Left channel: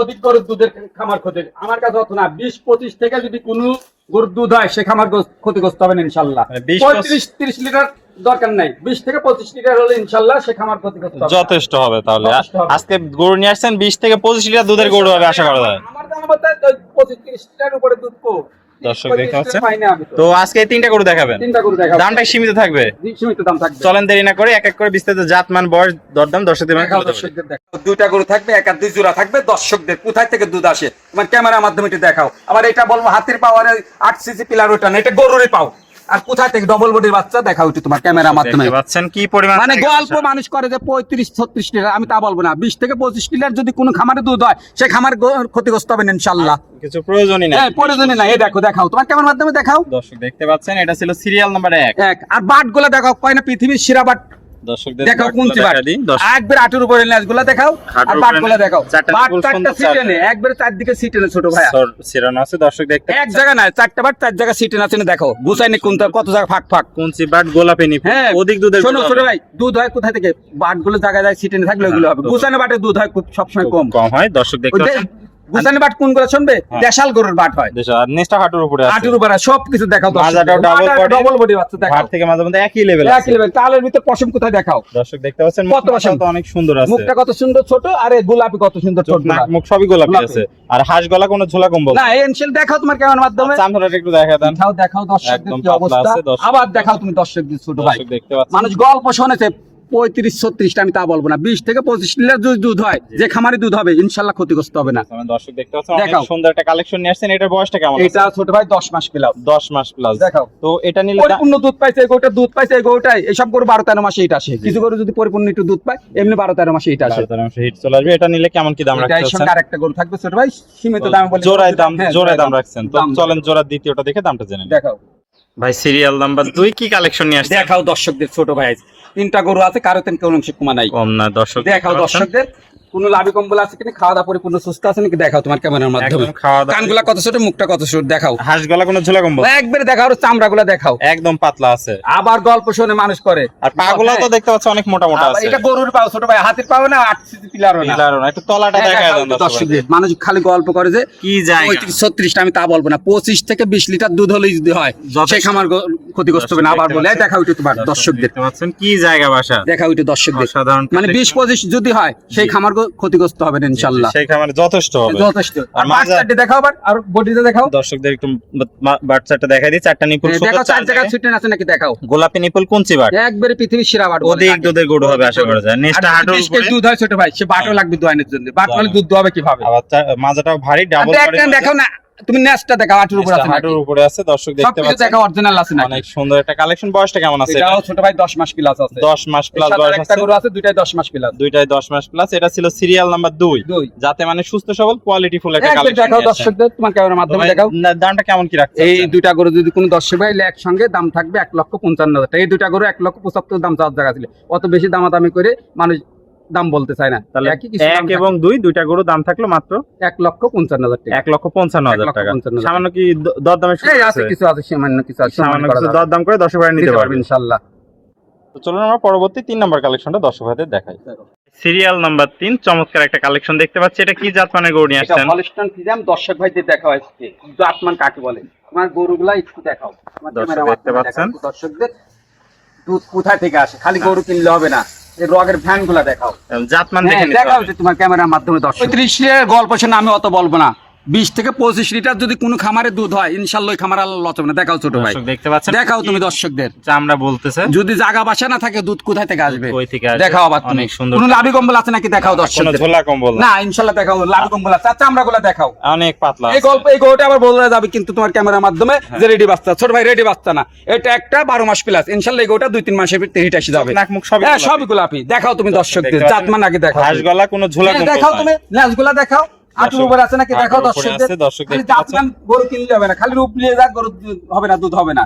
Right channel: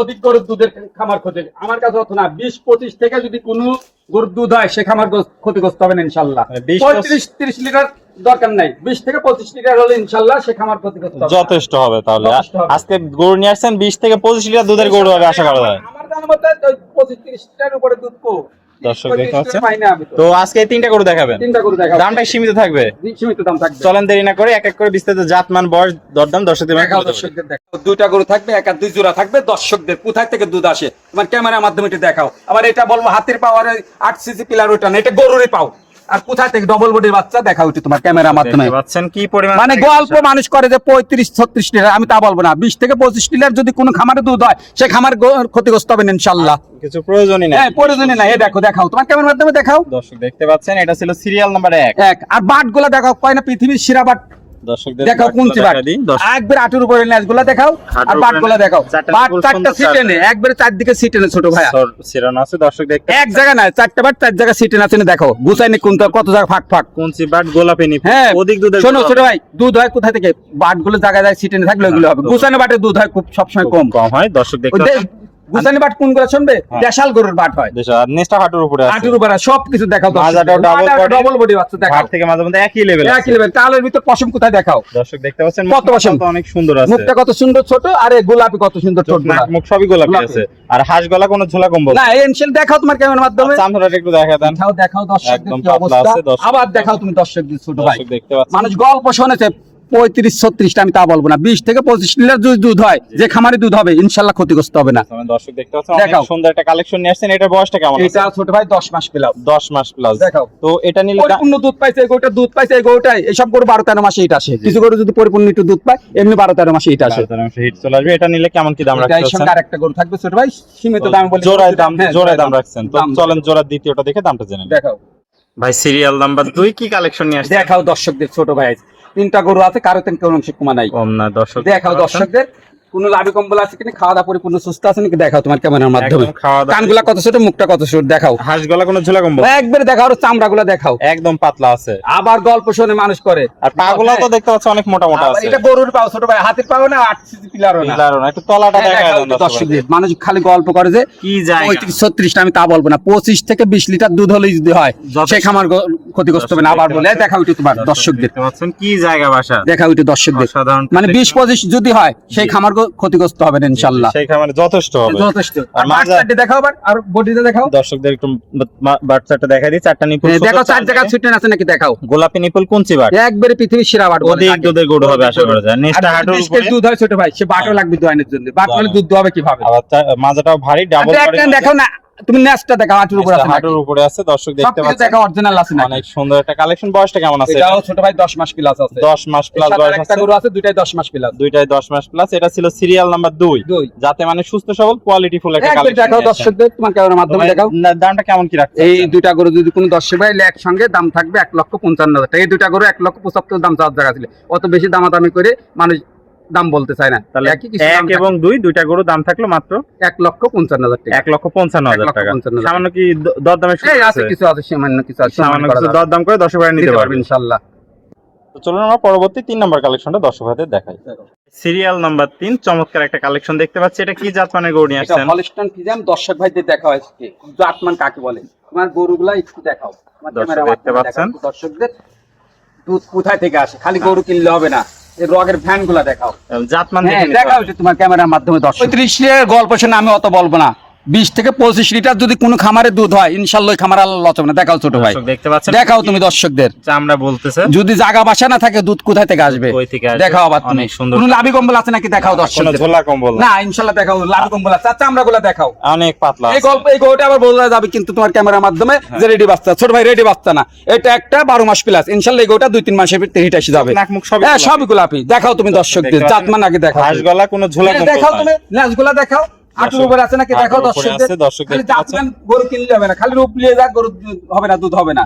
অধিক গরুর দুধের খামার ক্ষতি আমার কাছে অত না 20-25 থেকে যদি কোনো গরুর দুধ হয় সে খামার ক্ষতিগ্রস্ত হবে না ইনশাল্লাহ। 35-30 লিটার দরকার নাই, 20 থেকে 25 লিটার হলে ইনশাল্লাহ সে খামার ক্ষতিগ্রস্ত হবে, যথেষ্ট হবে। তাহলে আজকে গরু নিয়ে আসছেন 20 থেকে 25 লিটার দুধের গরু হবে আশা করা যায়। আমার জানা মতে 25-30 লিটার উপরে দুধ কো দর্শক দেখতে পাচ্ছেন। তো আজকে এই তিনটা গরু দেখাবেন, তিনটা গরু দেখাবো, দামটা সীমিত থাকবে, সীমিত দাম থাকবে। চলেন দেরি না করে এক এক করে বিস্তারিত জাতমান বয়স দরদাম দর্শকদের দেখাও, দর্শকদের দেখাও। দুইটা গরু থাকবে, এক আর দুই জোড়া থাকবে। দর্শকদের কোথায় থেকে দুধ আসে তোমার ক্যামেরার মাধ্যমে একটু দেখাও। আবার এটা বলবো হাতের পাওয়ারে 8 সিসি পিলার ওটা না, এটা গরুরই পাও। আর কোথায় থেকে ডবল বডির বাচ্চা দেখাও একটু তোমার ক্যামেরার মাধ্যমে। দেখতে পাচ্ছেন কি পরিমাণ, মানে গল্প মানুষ করে যে 35-36 লিটার, আমি তা বলবো না। 20 থেকে 25 লিটার যদি কোনো খামারে দুধ হয় সে খামার ক্ষতিগ্রস্ত হবে না ইনশাআল্লাহ। কিছু প্রয়োজনই নাই। হ্যাঁ, প্রয়োজনই নাই। এই দেখো, দেখাও তোমার ক্যামেরার মাধ্যমে দেখাও। দর্শক দেখতে পাচ্ছেন এটা ছিল সিরিয়াল নাম্বার 1। আর বাটগুলা দেখাও, কয় না পৃথিবীর সেরা বাট। দর্শকদের দেখাও কোন বাট, একবার আটুর উপরে লেজগুলা দেখাও, আর বাটগুলা দেখাও। বাট চারটা সিটে নে, একবারে চারদিকে সিটে নে ছোট ভাই। সিরানো আছে দর্শক দেখতে, এক জায়গা না, চারটা বাট চার জায়গা সিটে আছে, দেখো গুছাইনি কোনটা কত জায়গা ফাঁক ফাঁক। কোনচি বাট গোলাপি নি অধিক দুধের। শোনো ছোট ভাই, দুধ হয় কোথা থেকে? বাটগুলো জায়গায় জায়গায় সিটে নে থাকলে ওইগুলো হবে। গুছানো বাটে দুধ হয় খুব সবসময় কম হয়। দর্শক দেখতে পাচ্ছেন গুছানো বাট কোনগুলো শুনবে? দেশাল গরুর বাট হয়, আর নেস্টা হাঁটুর উপরে আছে, হাঁটুর উপরে সবকিছু দেখাও। মাজাটাও ডাবল বডি বাচ্চা দেখাও, হাড় থেকে মাঝে মধ্যে একই লেভেল আছে, একই লেভেল। কালের ভিতর পশম কোথায় দেখাও। দর্শক দেখতে পাচ্ছেন কত পশম, অনেক সুন্দর আছে, মুখটা কত সুন্দর ছোট, আর এই গোলাপি কত সুন্দর ছোট, মুখ সবই গোলাপি আছে। আর হাঁস গলা কোনো ঝোলা কম্বল না। এনশিল দেখাও তোমার ক্যামেরার মাধ্যমে, চামড়াটা একটু দেখা দেন। দেখাও দর্শকদের কি অবস্থা। আবার দেখাও তুমি দর্শকদের ছোট ভাই। দেখতে পাচ্ছেন মানুষ গল্প শুনেছে 35-36, আমি তা বলবো না। 20 থেকে 25 লিটার যদি দুধ হয় যে খামারে দুধ হবে ইনশাআল্লাহ ক্ষতিগ্রস্ত হবে না। দর্শক দেখতে পাচ্ছেন অনেক সুন্দর একটা কালেকশন নিয়ে আসছেন। এটার বয়সটা কেমন? এটা ছোট ভাই 10 মাস প্লাস। 10 মাস প্লাস দেখাও। তো এটা নিলে পরিপূর্ণ দুধ পাইছে এই গরুটা, দুধ পাইছে এই গরুটাই। এইসব গরু 12-13 মাসে এটা আসে। কিছু গরু যদি পরিপূর্ণ একটু দুধ পায় এমনি 12-13 মাসে এটা আসে। 12-13 মাসে হিট চলে আসবে। এটা নিলে কেমন কি দাম রাখছেন? এর সঙ্গে আরেকটা গরু থাকবে ছোট ভাই, সীমিত দামে বলি। জোড়ায় দাম রাখছেন। তো চলেন জোড়ার দ্বিতীয়টা দেখে দামটা জেনে নিন। দেখাও ভাই সিরিয়াল নাম্বার 2 কি কালেকশন নিয়ে আসছেন? দেখাও দর্শকদের ছোট ভাই। তিনটা গরু আছে, কারো তিন কোনো অংশে কমা নাই, কম না। দর্শক দেখাও দর্শকদের কোনো লাভি কম্বল আছে কিনা, খাওয়া দাওয়া পরিপূর্ণ সুস্থ আছে নাকি দেখাও তোমার ক্যামেরার মাধ্যমে। কানগুলা কত ছোট, মুখটা কত ছোট দেখাও। হাঁস গলা কোনো ঝোলা কম্বল একবারে দেখাও, চামড়াগুলা দেখাও একদম পাতলা আছে। আবার গল্প শুনে মানুষ করে। আর পাগুলা তো দেখতে পাচ্ছ অনেক মোটা মোটা আছে। এটা গরুর পাও ছোট ভাই, হাতের পাও না, 8 সিসি পিলারও না। একটু তলাটা দেখায় দেন দর্শকদের। মানুষ খালি গল্প করে যে কি জায়গা 35-36, আমি তা বলবো না। 25 থেকে 20 লিটার দুধ হলেই যদি হয় সে খামার ক্ষতিগ্রস্ত হবে না। আবার বলে দেখাও এটা তোমার দর্শকদের, দেখতে পাচ্ছেন কি জায়গা বাসা, দেখাও এটা দর্শকদের। সাধারণ মানে 20-25 যদি হয় সেই খামার ক্ষতিগ্রস্ত হবে না ইনশাআল্লাহ। সেই খামারে যথেষ্ট হবে, যথেষ্ট। আর মাঝখানটা দেখাও, আর বডিতে দেখাও। দর্শকদের একটু বাচ্চাটা দেখাই দিই। চারটা নিপুল দেখাও, চার জায়গা ছিটে আছে নাকি দেখাও। গোলাপি নিপুল কোনচি বাট, একবারে পৃথিবীর সেরা বাট। অধিক দুধের গরু হবে আশা করা যায়। নেক্সট হাঁটুর উপরে দুধ হয় ছোট ভাই, সে বাটও লাগবে দোয়ানের জন্য। বাট হলে দুধ হবে কিভাবে? আবার মাজাটাও ভারী, ডাবল করে দেখাও না, তুমি নেসটা দেখাও, হাঁটুর উপরে আছে, হাঁটুর উপরে আছে। দর্শক দেখতে পাচ্ছেন দেখাও, অরিজিনাল আছে না। অনেক সুন্দর একটা কালেকশন। বয়সটা কেমন আছে? এটাও ছোট ভাই 10 মাস প্লাস আছে। 10 মাস প্লাস বয়স আছে। একটা গরু আছে, দুটাই 10 মাস প্লাস। দুইটাই 10 মাস প্লাস। এটা ছিল সিরিয়াল নাম্বার 2, যাতে মানে সুস্থ সবল কোয়ালিটি ফুল একটা কালেকশন। দেখাও দর্শকদের, তোমার ক্যামেরার মাধ্যমে দেখাও। দামটা কেমন কি রাখছেন? এই দুইটা গরু যদি কোনো দর্শক ভাই একসঙ্গে দাম থাকবে 1,55,000 টাকা। এই দুইটা গরু 1,75,000 দাম চাওয়ার জায়গা ছিল। অত বেশি দামাদামি করে মানুষ দাম বলতে চায় না। তাহলে 1 এবং 2 দুইটা গরু দাম থাকলো মাত্র 1,55,000 টাকা। 1,55,000 টাকা। সামান্য কি দরদামে আছে, কিছু আছে, সামান্য কিছু আছে, সামান্য কিছু দরদাম করে দর্শক ভাই নিতে পারবেন ইনশাআল্লাহ। তো চলুন আমরা পরবর্তী 3 নাম্বার কালেকশনটা দর্শক ভাইদের দেখাই। সিরিয়াল নাম্বার 3 চমৎকার একটা কালেকশন দেখতে পাচ্ছি। এটা কি জাত মানের গরু নিয়ে আসছেন? এটা হলস্টাইন ফ্রিজিয়ান। দর্শক ভাইদের দেখা হয়েছে জাতমান কাকে বলে, তোমার গরুগুলা একটু দেখাও। দর্শক দেখতে পাচ্ছেন দর্শকদের দুধ কোথা থেকে আসে, খালি গরু কিনলে হবে না, এই রগের ফ্যান গুলা দেখাও, জাতমান দেখে নিতে দেখাও তোমার ক্যামেরার মাধ্যমে। 35 লিটার গল্প শুনে আমি অত বলবো না। 20 থেকে 25 লিটার যদি কোনো খামারে দুধ হয় ইনশাআল্লাহ ওই খামার আল্লাহ লচবে না। দেখাও ছোট ভাই, দেখতে পাচ্ছেন। দেখাও তুমি দর্শকদের। চামড়া বলতেছে যদি জায়গা বাসা না থাকে দুধ কোথা থেকে আসবে? কই থেকে আসবে? দেখাও আবার তুমি। কোনো লাভি কম্বল আছে নাকি দেখাও দর্শকদের। কোনো ঝোলা কম্বল না ইনশাআল্লাহ দেখাও, লাভি কম্বল আছে। চামড়াগুলো দেখাও, অনেক পাতলা। এই গল্প এই গরুটা আবার বলা যাবে কিন্তু তোমার ক্যামেরার মাধ্যমে যে রেডি বাচ্চা। ছোট ভাই রেডি বাচ্চা না, এটা একটা 12 মাস প্লাস। ইনশাআল্লাহ এই গরুটা 2-3 মাসের ভিতরে হিট এসে যাবে। নাক মুখ সবই সবই গোলাপি। দেখাও তুমি দর্শকদের, জাতমান আগে দেখাও। হাঁস গলা কোনো ঝোলা কম্বল দেখাও তুমি, নাচগুলা দেখাও, আটুর উপরে আছে নাকি দেখাও দর্শকদের। খালি জাতমান গরু কিনলে হবে না, খালি রূপ নিয়ে যাক গরু হবে না, দুধ হবে না।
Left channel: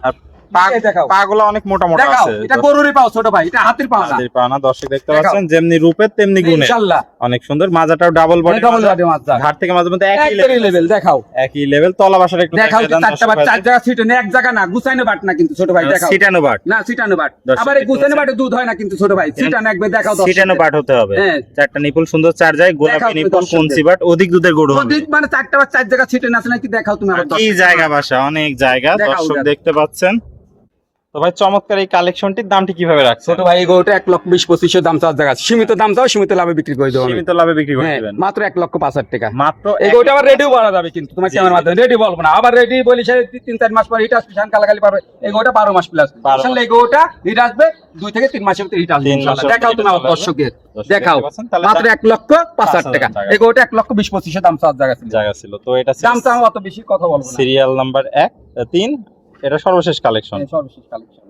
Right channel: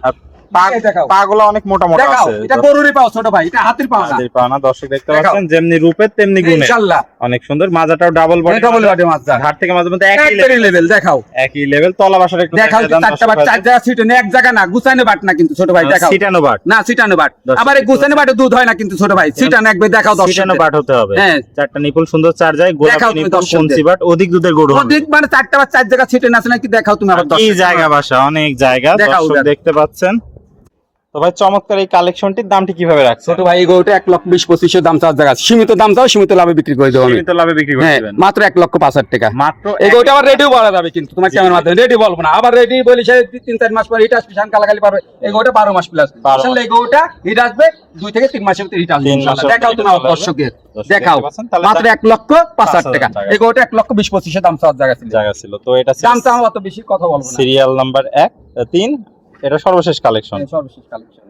এই দেখাও পাগুলো অনেক মোটা মোটা দেখাও আছে। এটা গরুরই পাও ছোট ভাই, এটা হাতির পাও না। হাতির পা না, দর্শক দেখতে দেখাও। পাচ্ছেন যেমনি রূপে তেমনি গুণে, ইনশাআল্লাহ অনেক সুন্দর। মাজাটাও ডাবল বডি, ডাবল বডি মাজা, ঘাট থেকে মাঝে মধ্যে একই একই লেভেল। দেখাও একই লেভেল। তলা বাসাটা একটু দেখাও, দেখায় দেন চারটা বাট, চার জায়গা সিটে এক জায়গা না, গুছানো বাট না কিন্তু ছোট ভাই, দেখাও সিটানো বাট, না, সিটানো বাট। দর্শক আবার এই দেখতে গুছানো বাটে দুধ হয় না কিন্তু ছোট ভাই, সিটানো একবার দেখাও দর্শকদের। সিটানো বাট হতে হবে। হ্যাঁ। চারটা নিপুল সুন্দর চার যায়, গোলাপি দেখাও তুমি নিপুল দর্শকদের। কঞ্চি বাট, অধিক দুধের গরু হবে। অধিক মানে চারটা বাট চার জায়গা সিটে আছে নাকি দেখাও তুমি আবার কি দর্শকদের। জায়গা বাসা, অনেক জায়গা, দেখাও দর্শক দেখাও। দেখতে পাচ্ছেন। তো ভাই চমৎকার এই কালেকশনটির দামটি কিভাবে রাখছেন? ছোট ভাই এই গরুটা 1,20,25,000 দাম চাওয়ার জায়গা আছে। সীমিত দাম চাও, সীমিত লাভে বিক্রি করে দেবো আমি। সীমিত লাভে বিক্রি করে হ্যাঁ, দিবেন মাত্র 1,05,000 টাকা। মাত্র। এই গরুটা আবার রেডিও বলা যাবে কিন্তু তোমার চ্যানেলের মাধ্যমে রেডি বলবো না, আবার রেডি বলি সে 3-4 মাস পরে হিট আসবে, কালাকালি পাবে। এই গরুটা 12 মাস প্লাস। 12 আসলে এই গরুটা হিট আসবে 2 থেকে 3 মাসের ভিতরে হিট আসবে 3 ইনশাআল্লাহ। মাসের দেখাও তুমি আমার ভিতরে দর্শকদের, দর্শক দেখাও দেখতে পাচ্ছেন, তাহলে মাত্র 1,05,000 টাকা। এই গরুটা 1,20,25,000 দাম চাওয়ার জায়গা ছিল। জায়গা ছিল। তো এটা দাম চাও অত বেশি কথা বলবো না। সিরিয়াল নাম্বার 1, 3, এটা সর্বশেষ কালেকশন। সর্বশেষ কালেকশন।